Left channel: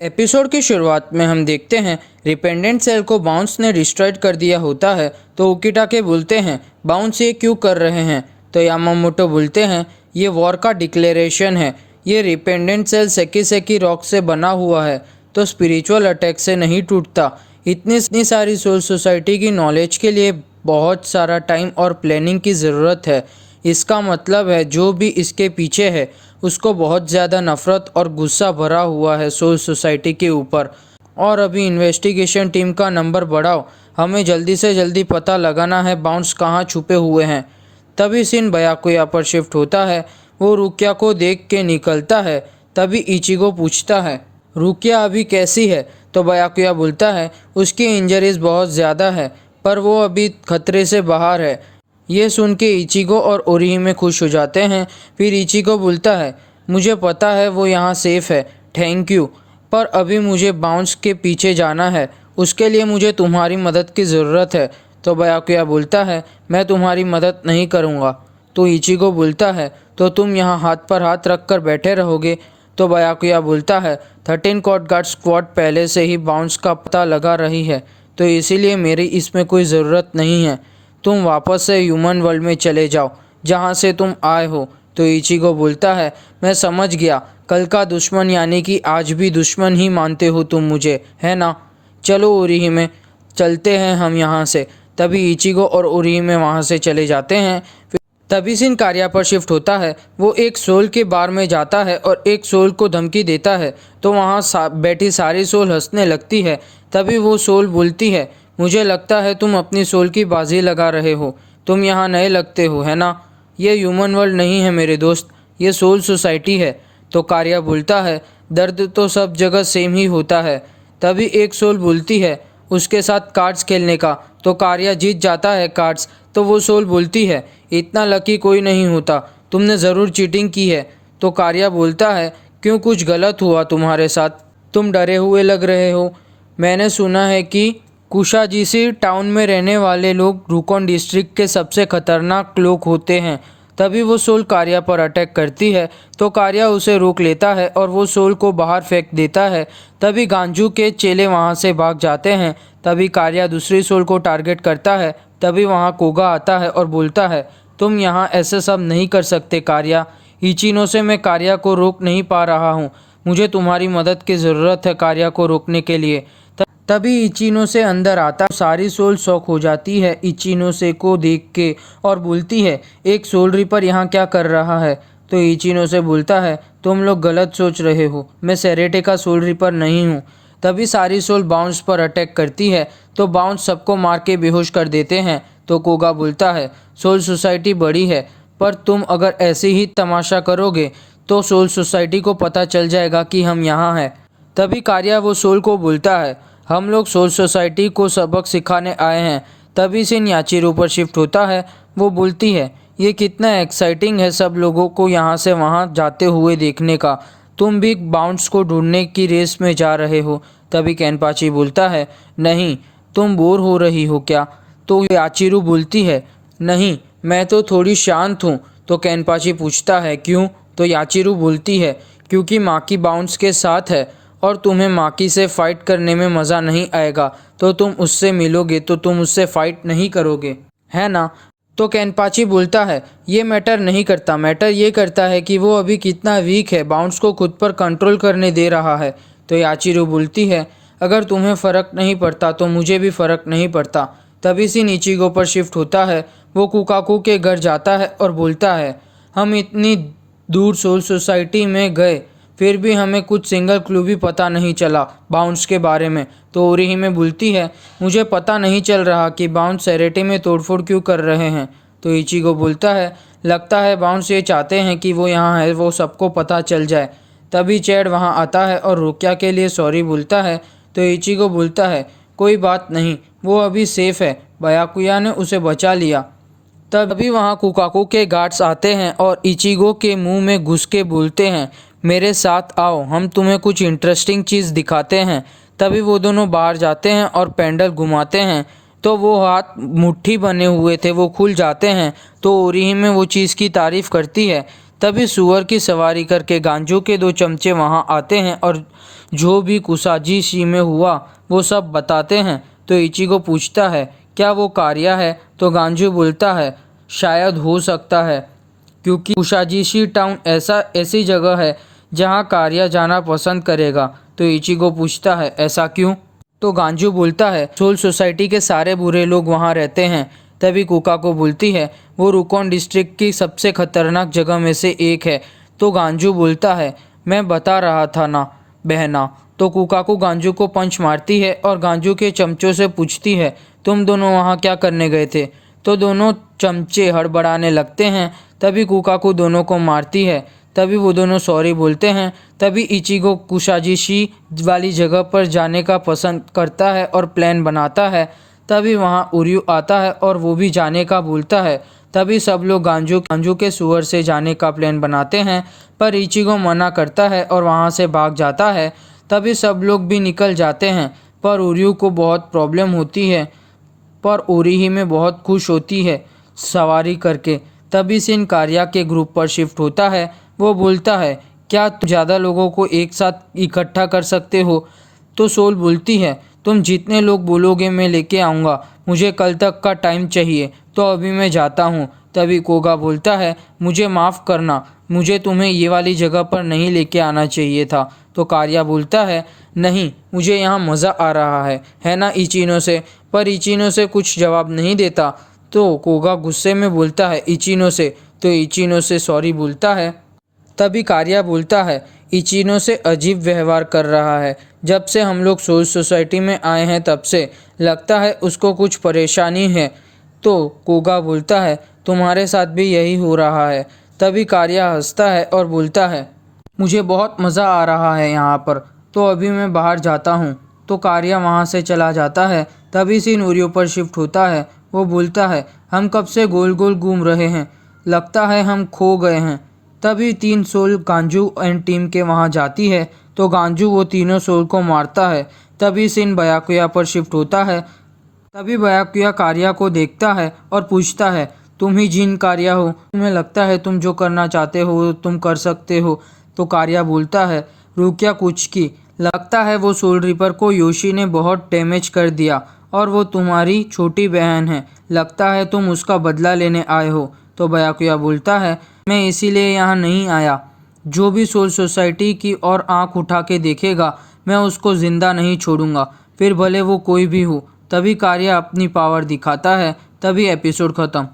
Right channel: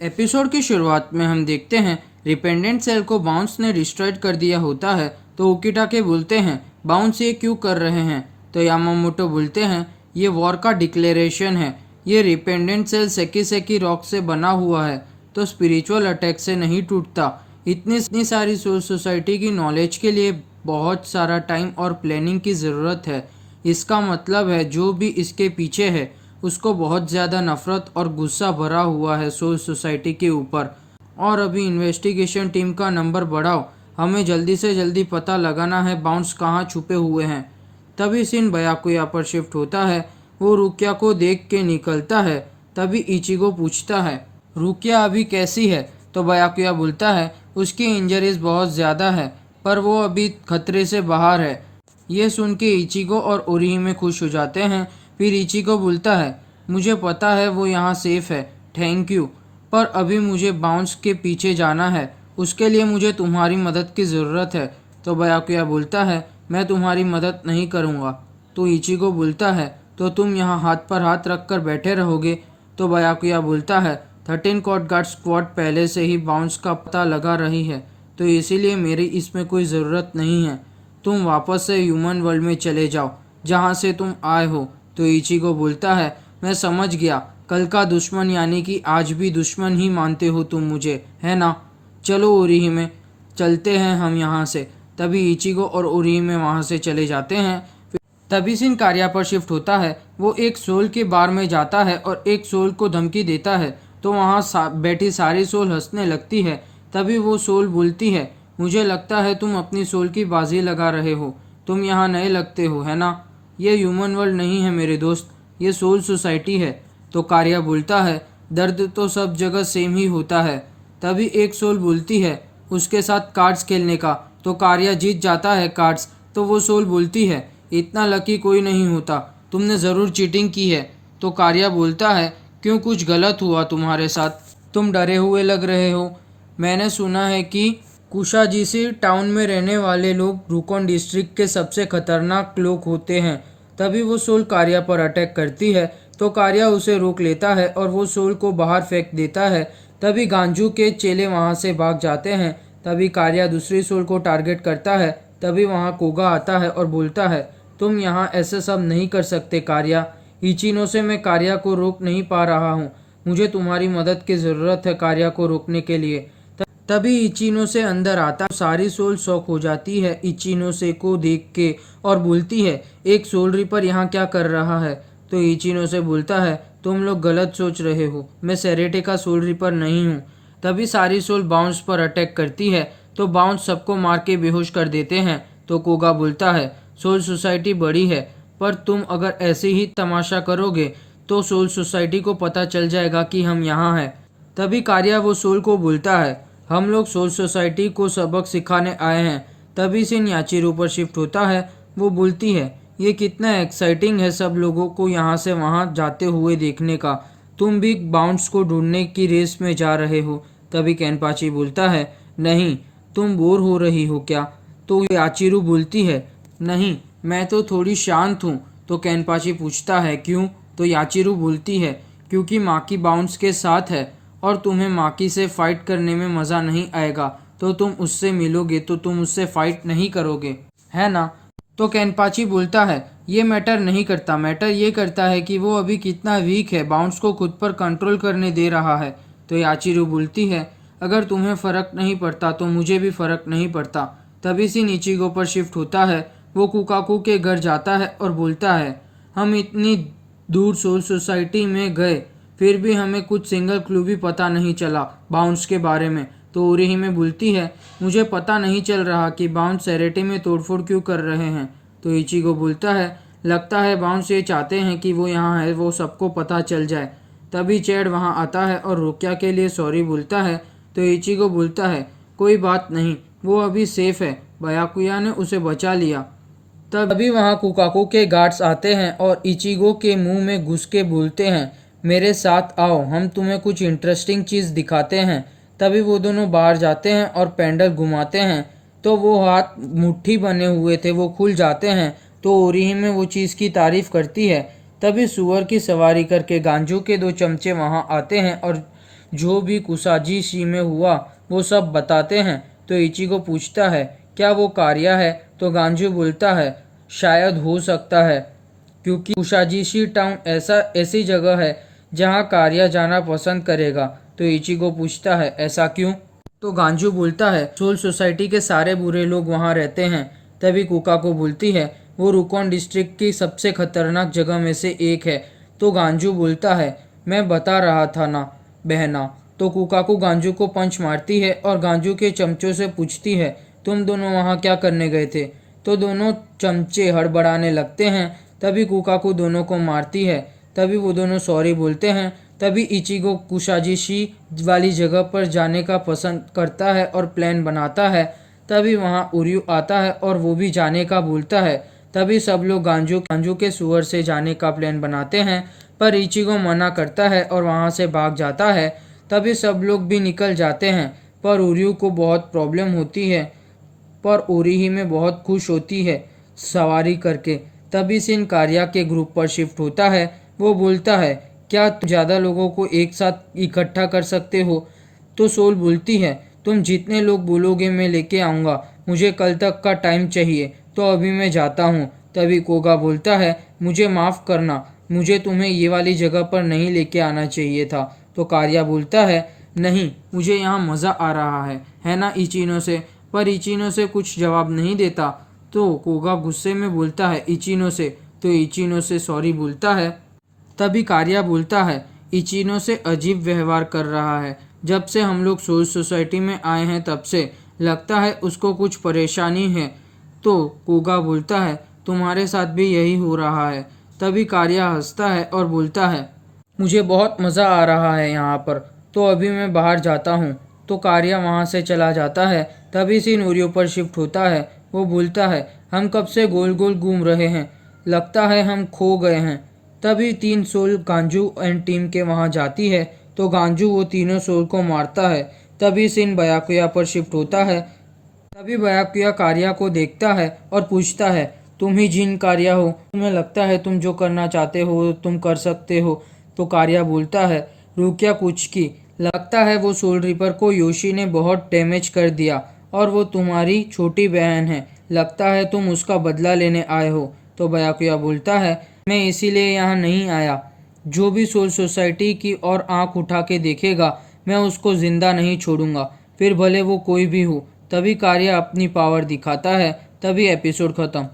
Episode की शुरुआत में हम देखते हैं रिपेंडेंट सेल को बाउंस ने डिस्ट्रॉयड कर दिया होता है। तो उकिटाके बोलते हैं बाउंस ये क्यों कर रहे हैं। तो यामामोटो बोलते हैं ये वॉर का डिक्लेरेशन है। ये रिपेंडेंट सेल सेकी सेकी रॉक से बना हुआ है तो स्पिरिचुअल अटैक से नहीं टूटता। इतनी सारी सोल सोसाइटी की नॉलेज के लिए बहुत सारा टाइम और प्लानिंग की ज़रूरत है। इसका मतलब है जो भी इसके पीछे है उसको बहुत ज़्यादा नफ़रत और गुस्सा भरा हुआ है सोल सोसाइटी के ऊपर। और अभी इन्वेस्टिगेशन टीम का नंबर बढ़ाओ, हमें जल्दी से जल्दी पता लगाना है बाउंस कहाँ छुपे हुए हैं। तभी सीन बयाकुया पर शिफ्ट होता है। वो रुकिया को देख के निकलता है। तभी इचिगो पूछता है रुकिया अभी कैसी है। तो बयाकुया बोलता है उसकी इंजरीज बहुत ज़्यादा है पर वो अभी खतरे से बाहर है। ये सुन के इचिगो और ओरिहिमे खुश हो जाते हैं। फिर इचिगो बोलता है मुझे पता है वो यहाँ सेफ है, थैंक यू, पर अभी मुझे बाउंस के पीछे जाना है, उसके लिए मुझे तुम्हारी मदद की ज़रूरत है। तो बयाकुया बोलता है मैं तुम्हारी मदद नहीं करूँगा। तो इचिगो बोलता है तो तुम यहाँ हाथ पर हाथ रख कर बैठे रहोगे। तो बयाकुया बोलता है 13 कॉट गार्ड स्क्वाड पहले से ही बाउंस का पता लगा रही है तो इसीलिए मेरी इसमें कोई ज़रूरत नहीं है। तुम वापस से ह्यूमन वर्ल्ड में चले जाओ जहाँ से तुम आए हो। तो इचिगो बोलता है मैं समझ गया, कल का दुश्मन यानी कि आज भी दुश्मन ही मानते हो तुम मुझे, है ना। चलो ओरिहिमे चलते हैं हम यहाँ से। तभी इचिगो और ओरिहिमे वहाँ से चले जाते हैं। तभी सीन कार्या पर शिफ्ट होता है। वो एक सोल के बार में जाता है और एक सोल को धमकी देता है तो वहाँ बैठी सारी सोल हंसने लगती है। तभी वो सोल बोलती है मुझे लगता है तुम अपनी सोल की बाजी लगा रहे हो, तुम यहाँ नए लगते हो, है ना। ये ह्यूमन वर्ल्ड नहीं है मेरे दोस्त, ये सोल सोसाइटी है। तो कार्या बोलता है दर्द तो सब जगह सेम ही होता है। तभी एक सोल बोलती है उसके साथ कार्ड्स खेलने का। तो कार्या जीत जाता है कार्ड्स। तो वो सोल बोलती है इतना लकी कोई नहीं होता, तुमने ज़रूर चीटिंग की है। तो कार्या बोलता है क्यों, कुछ गलत हुआ तुम्हारे साथ, तुम डरे हुए लग रहे हो। मैंने सुना है कि कुशाजीसी टाउन में रहने वाले लोग रुकोन डिस्ट्रिक्ट के सबसे खतरनाक लोग होते हैं। तभी वो सोल कार्या पर अटैक करती है तो कार्या उसे रोक लेता है और वो सोल को बाहर फेंक देता है। तभी गांजू के चेले वहाँ से भाग जाते हैं। तभी कार्या दूसरी सोल को टारगेट करता है। तभी वहाँ कोगा आता है और बोलता है तुम यहाँ ऐसे सब नहीं कर सकते कार्या, इचिनो से मैं कार्या को रोक नहीं पा रहा हूँ, मुझे तुम्हारी मदद की ज़रूरत है कार्या को रोकने के लिए। तभी इचिनो से अंदर आता, सारी सोल शॉक हो जाती है इचिनो से को देख के और बोलती है एक सोल रिपर यहाँ क्या कर रहा है। तो इचिनो से बोलता है तुम लोग गलत सोच रहे हो, मैं सेरेटे का सोल रिपर नहीं हूँ। तभी सारी सोल बाउंस पर अटैक करती है तो बाउंस सबको मार के बेहोश कर देते हैं। तो कोगा बोलता है सोल सोसाइटी बड़ी है पर तुम अगर ऐसे ही तमाशा करोगे तो सोल सोसाइटी को पता चल जाएगा कि हम यहाँ हैं। तभी कार्या वो सोल को बोलता है हम लोग सोल सोसाइटी को सबक सिखाने आए हैं। तभी से याचिरो पर शिफ्ट होता है। वो बोलती है ये कितना एक्साइटिंग है सब लोगों को यहाँ से वहाँ जाते हुए देखने का, तुम भी बाउंस को ढूंढने की रेस में जा रहे हो। तभी कैनपाची बोलता है नहीं, तुम बोर हो रही हो क्या। तो याचिरो बोलती है नहीं, मैं तो थोड़ी शांत हूँ। तो कैनपाची पूछता है क्यों। तो याचिरो बोलती है क्योंकि माकी बाउंस के साथ है और तुम्हें माकी से फाइट करने में मज़ा नहीं आएगा, तो तुम उससे मिलोगे तो तुम उससे फाइट नहीं करोगे, है ना। तो कैनपाची बोलता है ये मैटर नहीं करता, मैटर ये करता है कि वो अभी कितना वीक है, बाउंस को खुद पर कंट्रोल करने दे रहा है। तो याचिरो बोलती है अगर तुम्हें फ़र्क नहीं पड़ता तो मुझे भी फ़र्क नहीं पड़ता। तभी से इचिगो पर शिफ्ट होता है। वो कुकाकू के घर जाता है और बोलता है हम इतनी दूर सोल सोसाइटी में गए फिर भी हमें कुछ सिंगल क्लू भी पता नहीं चला बाउंस के बारे में। तो ओरिहिमे बोलती है मुझे पता नहीं चल रहा कि बाउंस सेरेटे में तोड़फोड़ क्यों कर रहे हैं। तो इचिगो बोलता है लगता है बाउंस ये चाहते हैं कि वो यहाँ है वो सबको पता चल जाए। तभी चैड वहाँ आता है और रुकिया के लिए सॉरी बोलता है। तो इचिगो बोलता है कोई बात नहीं, वो अभी सेफ है, बयाकुया ने उसे बचा लिया। तभी वहाँ कुकाकू के गार्ड्स आते हैं और इचिगो के मुंह में घुस के बोलते हैं मेरे साथ आओ, हम तुम्हें कुछ इंटरेस्टिंग चीज़ दिखाते हैं। तभी वो दोनों बाहर जाते हैं और पेंडल घुमाते हैं तो वो हाथ मुट्ठी बने हुए थे वो खुल जाते हैं। तो ओरिहिमे वो चीज़ की तारीफ़ करती है। तभी सुअर की सवारी करके गांजो के दो चमचे वहाँ आते हैं और जो भी कुसाजीशी में हुआ वो सब बताते हैं। तो इचिगो पूछता है क्या वो कार्या है? तो गांजू बोलता है शायद हो सकता है, क्योंकि कुशाजीशी टाउन ऐसी जगह है जहां कार्या जाना पसंद करेगा। तो इचिगो पूछता है ऐसा क्यों? तो गांजू बोलता है सोल सोसाइटी के सारे बुरे लोग वहां रहते हैं। तभी कुकाको बोलती है वो रुकोन डिस्ट्रिक्ट की सबसे खतरनाक जगह में से एक है। तो गांजू बोलता है मैं बता रहा था ना बहना। तो कुकाको गांजू को पंच मारती है और गांजू के चमचों से पूछती है तुम दोनों वहाँ क्या करने गए थे? तो दोनों चमचे हड़बड़ाने लगते हैं। तभी कुकाको दोनों को मारती है। तभी वो दोनों सॉरी बोलते हैं। तभी इचिगो कुशाजीशी वाली जगह पर जाने का पसंद करता है और प्लान बनाता है। तभी वहाँ उर्यू आता है और वो भी जाने का बोलता है। तभी सब लोग गांजू के सुअर से जाने का प्लान बनाते हैं, पर इचिगो मना करता है और वहाँ से भाग जाता है। तभी सब लोग भी निकल जाते हैं, पर उर्यू को बहुत प्रॉब्लम होती है, पर ओरिही में बहुत खुश होती है सवारी करके। तभी सिन कार्या के ग्रुप पर शिफ्ट होता है। वो बोलता है क्या तुम ज़्यादा लोगों को एक साथ इकट्ठा कर सकते हो? तो सोल बोलती है तुम जितने लोग बोलोगे मैं लेके आऊँगा, मुझे कल तक का टाइम चाहिए, तो अभी मैं जाता हूँ। तभी कोगा बोलता है मुझे माफ़ करना, मुझे तुम्हें ये वाली जगह पर नहीं लेके आना चाहिए था। तो कार्या बोलता है नहीं, मुझे यहाँ मज़ा आ रहा है ना इचिनो से? पर इचिनो से कुछ जवाब नहीं देता। तो कोगा गुस्से में बोलता है इचिनो से, तो इचिनो से सॉरी बोलता है। तभी कार्या बोलता है इचिनो से अजीब व्यवहार कर रहा है, जब से हम लोग सोल सोसाइटी में आए हैं तब से लगता है उसको कुछ परेशानी है। तो कोगा बोलता है तुम्हारे साथ भी यही हो रहा है। तभी कार्या हंसता है और बोलता है मुझे बहुत मज़ा आ रहा है यहाँ पर, तो अभी मैं बाहर जाता हूँ। तो कार्या वहाँ से चला जाता है। तभी सीन उर्यू पर शिफ्ट होता है। वो बोलता है हम कब से गोल गोल घूम रहे हैं, लगता है हम खो गए हैं। तभी 3 सोल गांजू एंड टीम के वहाँ जाती है। तो गांजू वो तीनों सोल को मारता है। तभी सीन बयाकुया पर शिफ्ट होता है। तभी बयाकुया कार्या को देखता है और पूछता है तुम ही जिन कार्या हो, तुम्हें लगता है तुम जो करना चाहते हो तुम कर सकते हो? तो कार्या बोलता है रुकिया कुछ की, लगता है वो सोल रिपर को योशी ने बहुत डैमेज कर दिया और वो तुम्हारी छोटी बहन है, लगता है तुम उसका बदला लेने आए हो। तो बयाकुया बोलता है मैं इसीलिए यहाँ नहीं आया, जो भी सोल सोसाइटी की और आंख उठा के देखेगा मैं उसको जिंदा नहीं छोड़ूंगा, फिर भले वो कोई भी हो। तभी कार्या अपनी पावर दिखाता है। तभी एपिसोड खत्म।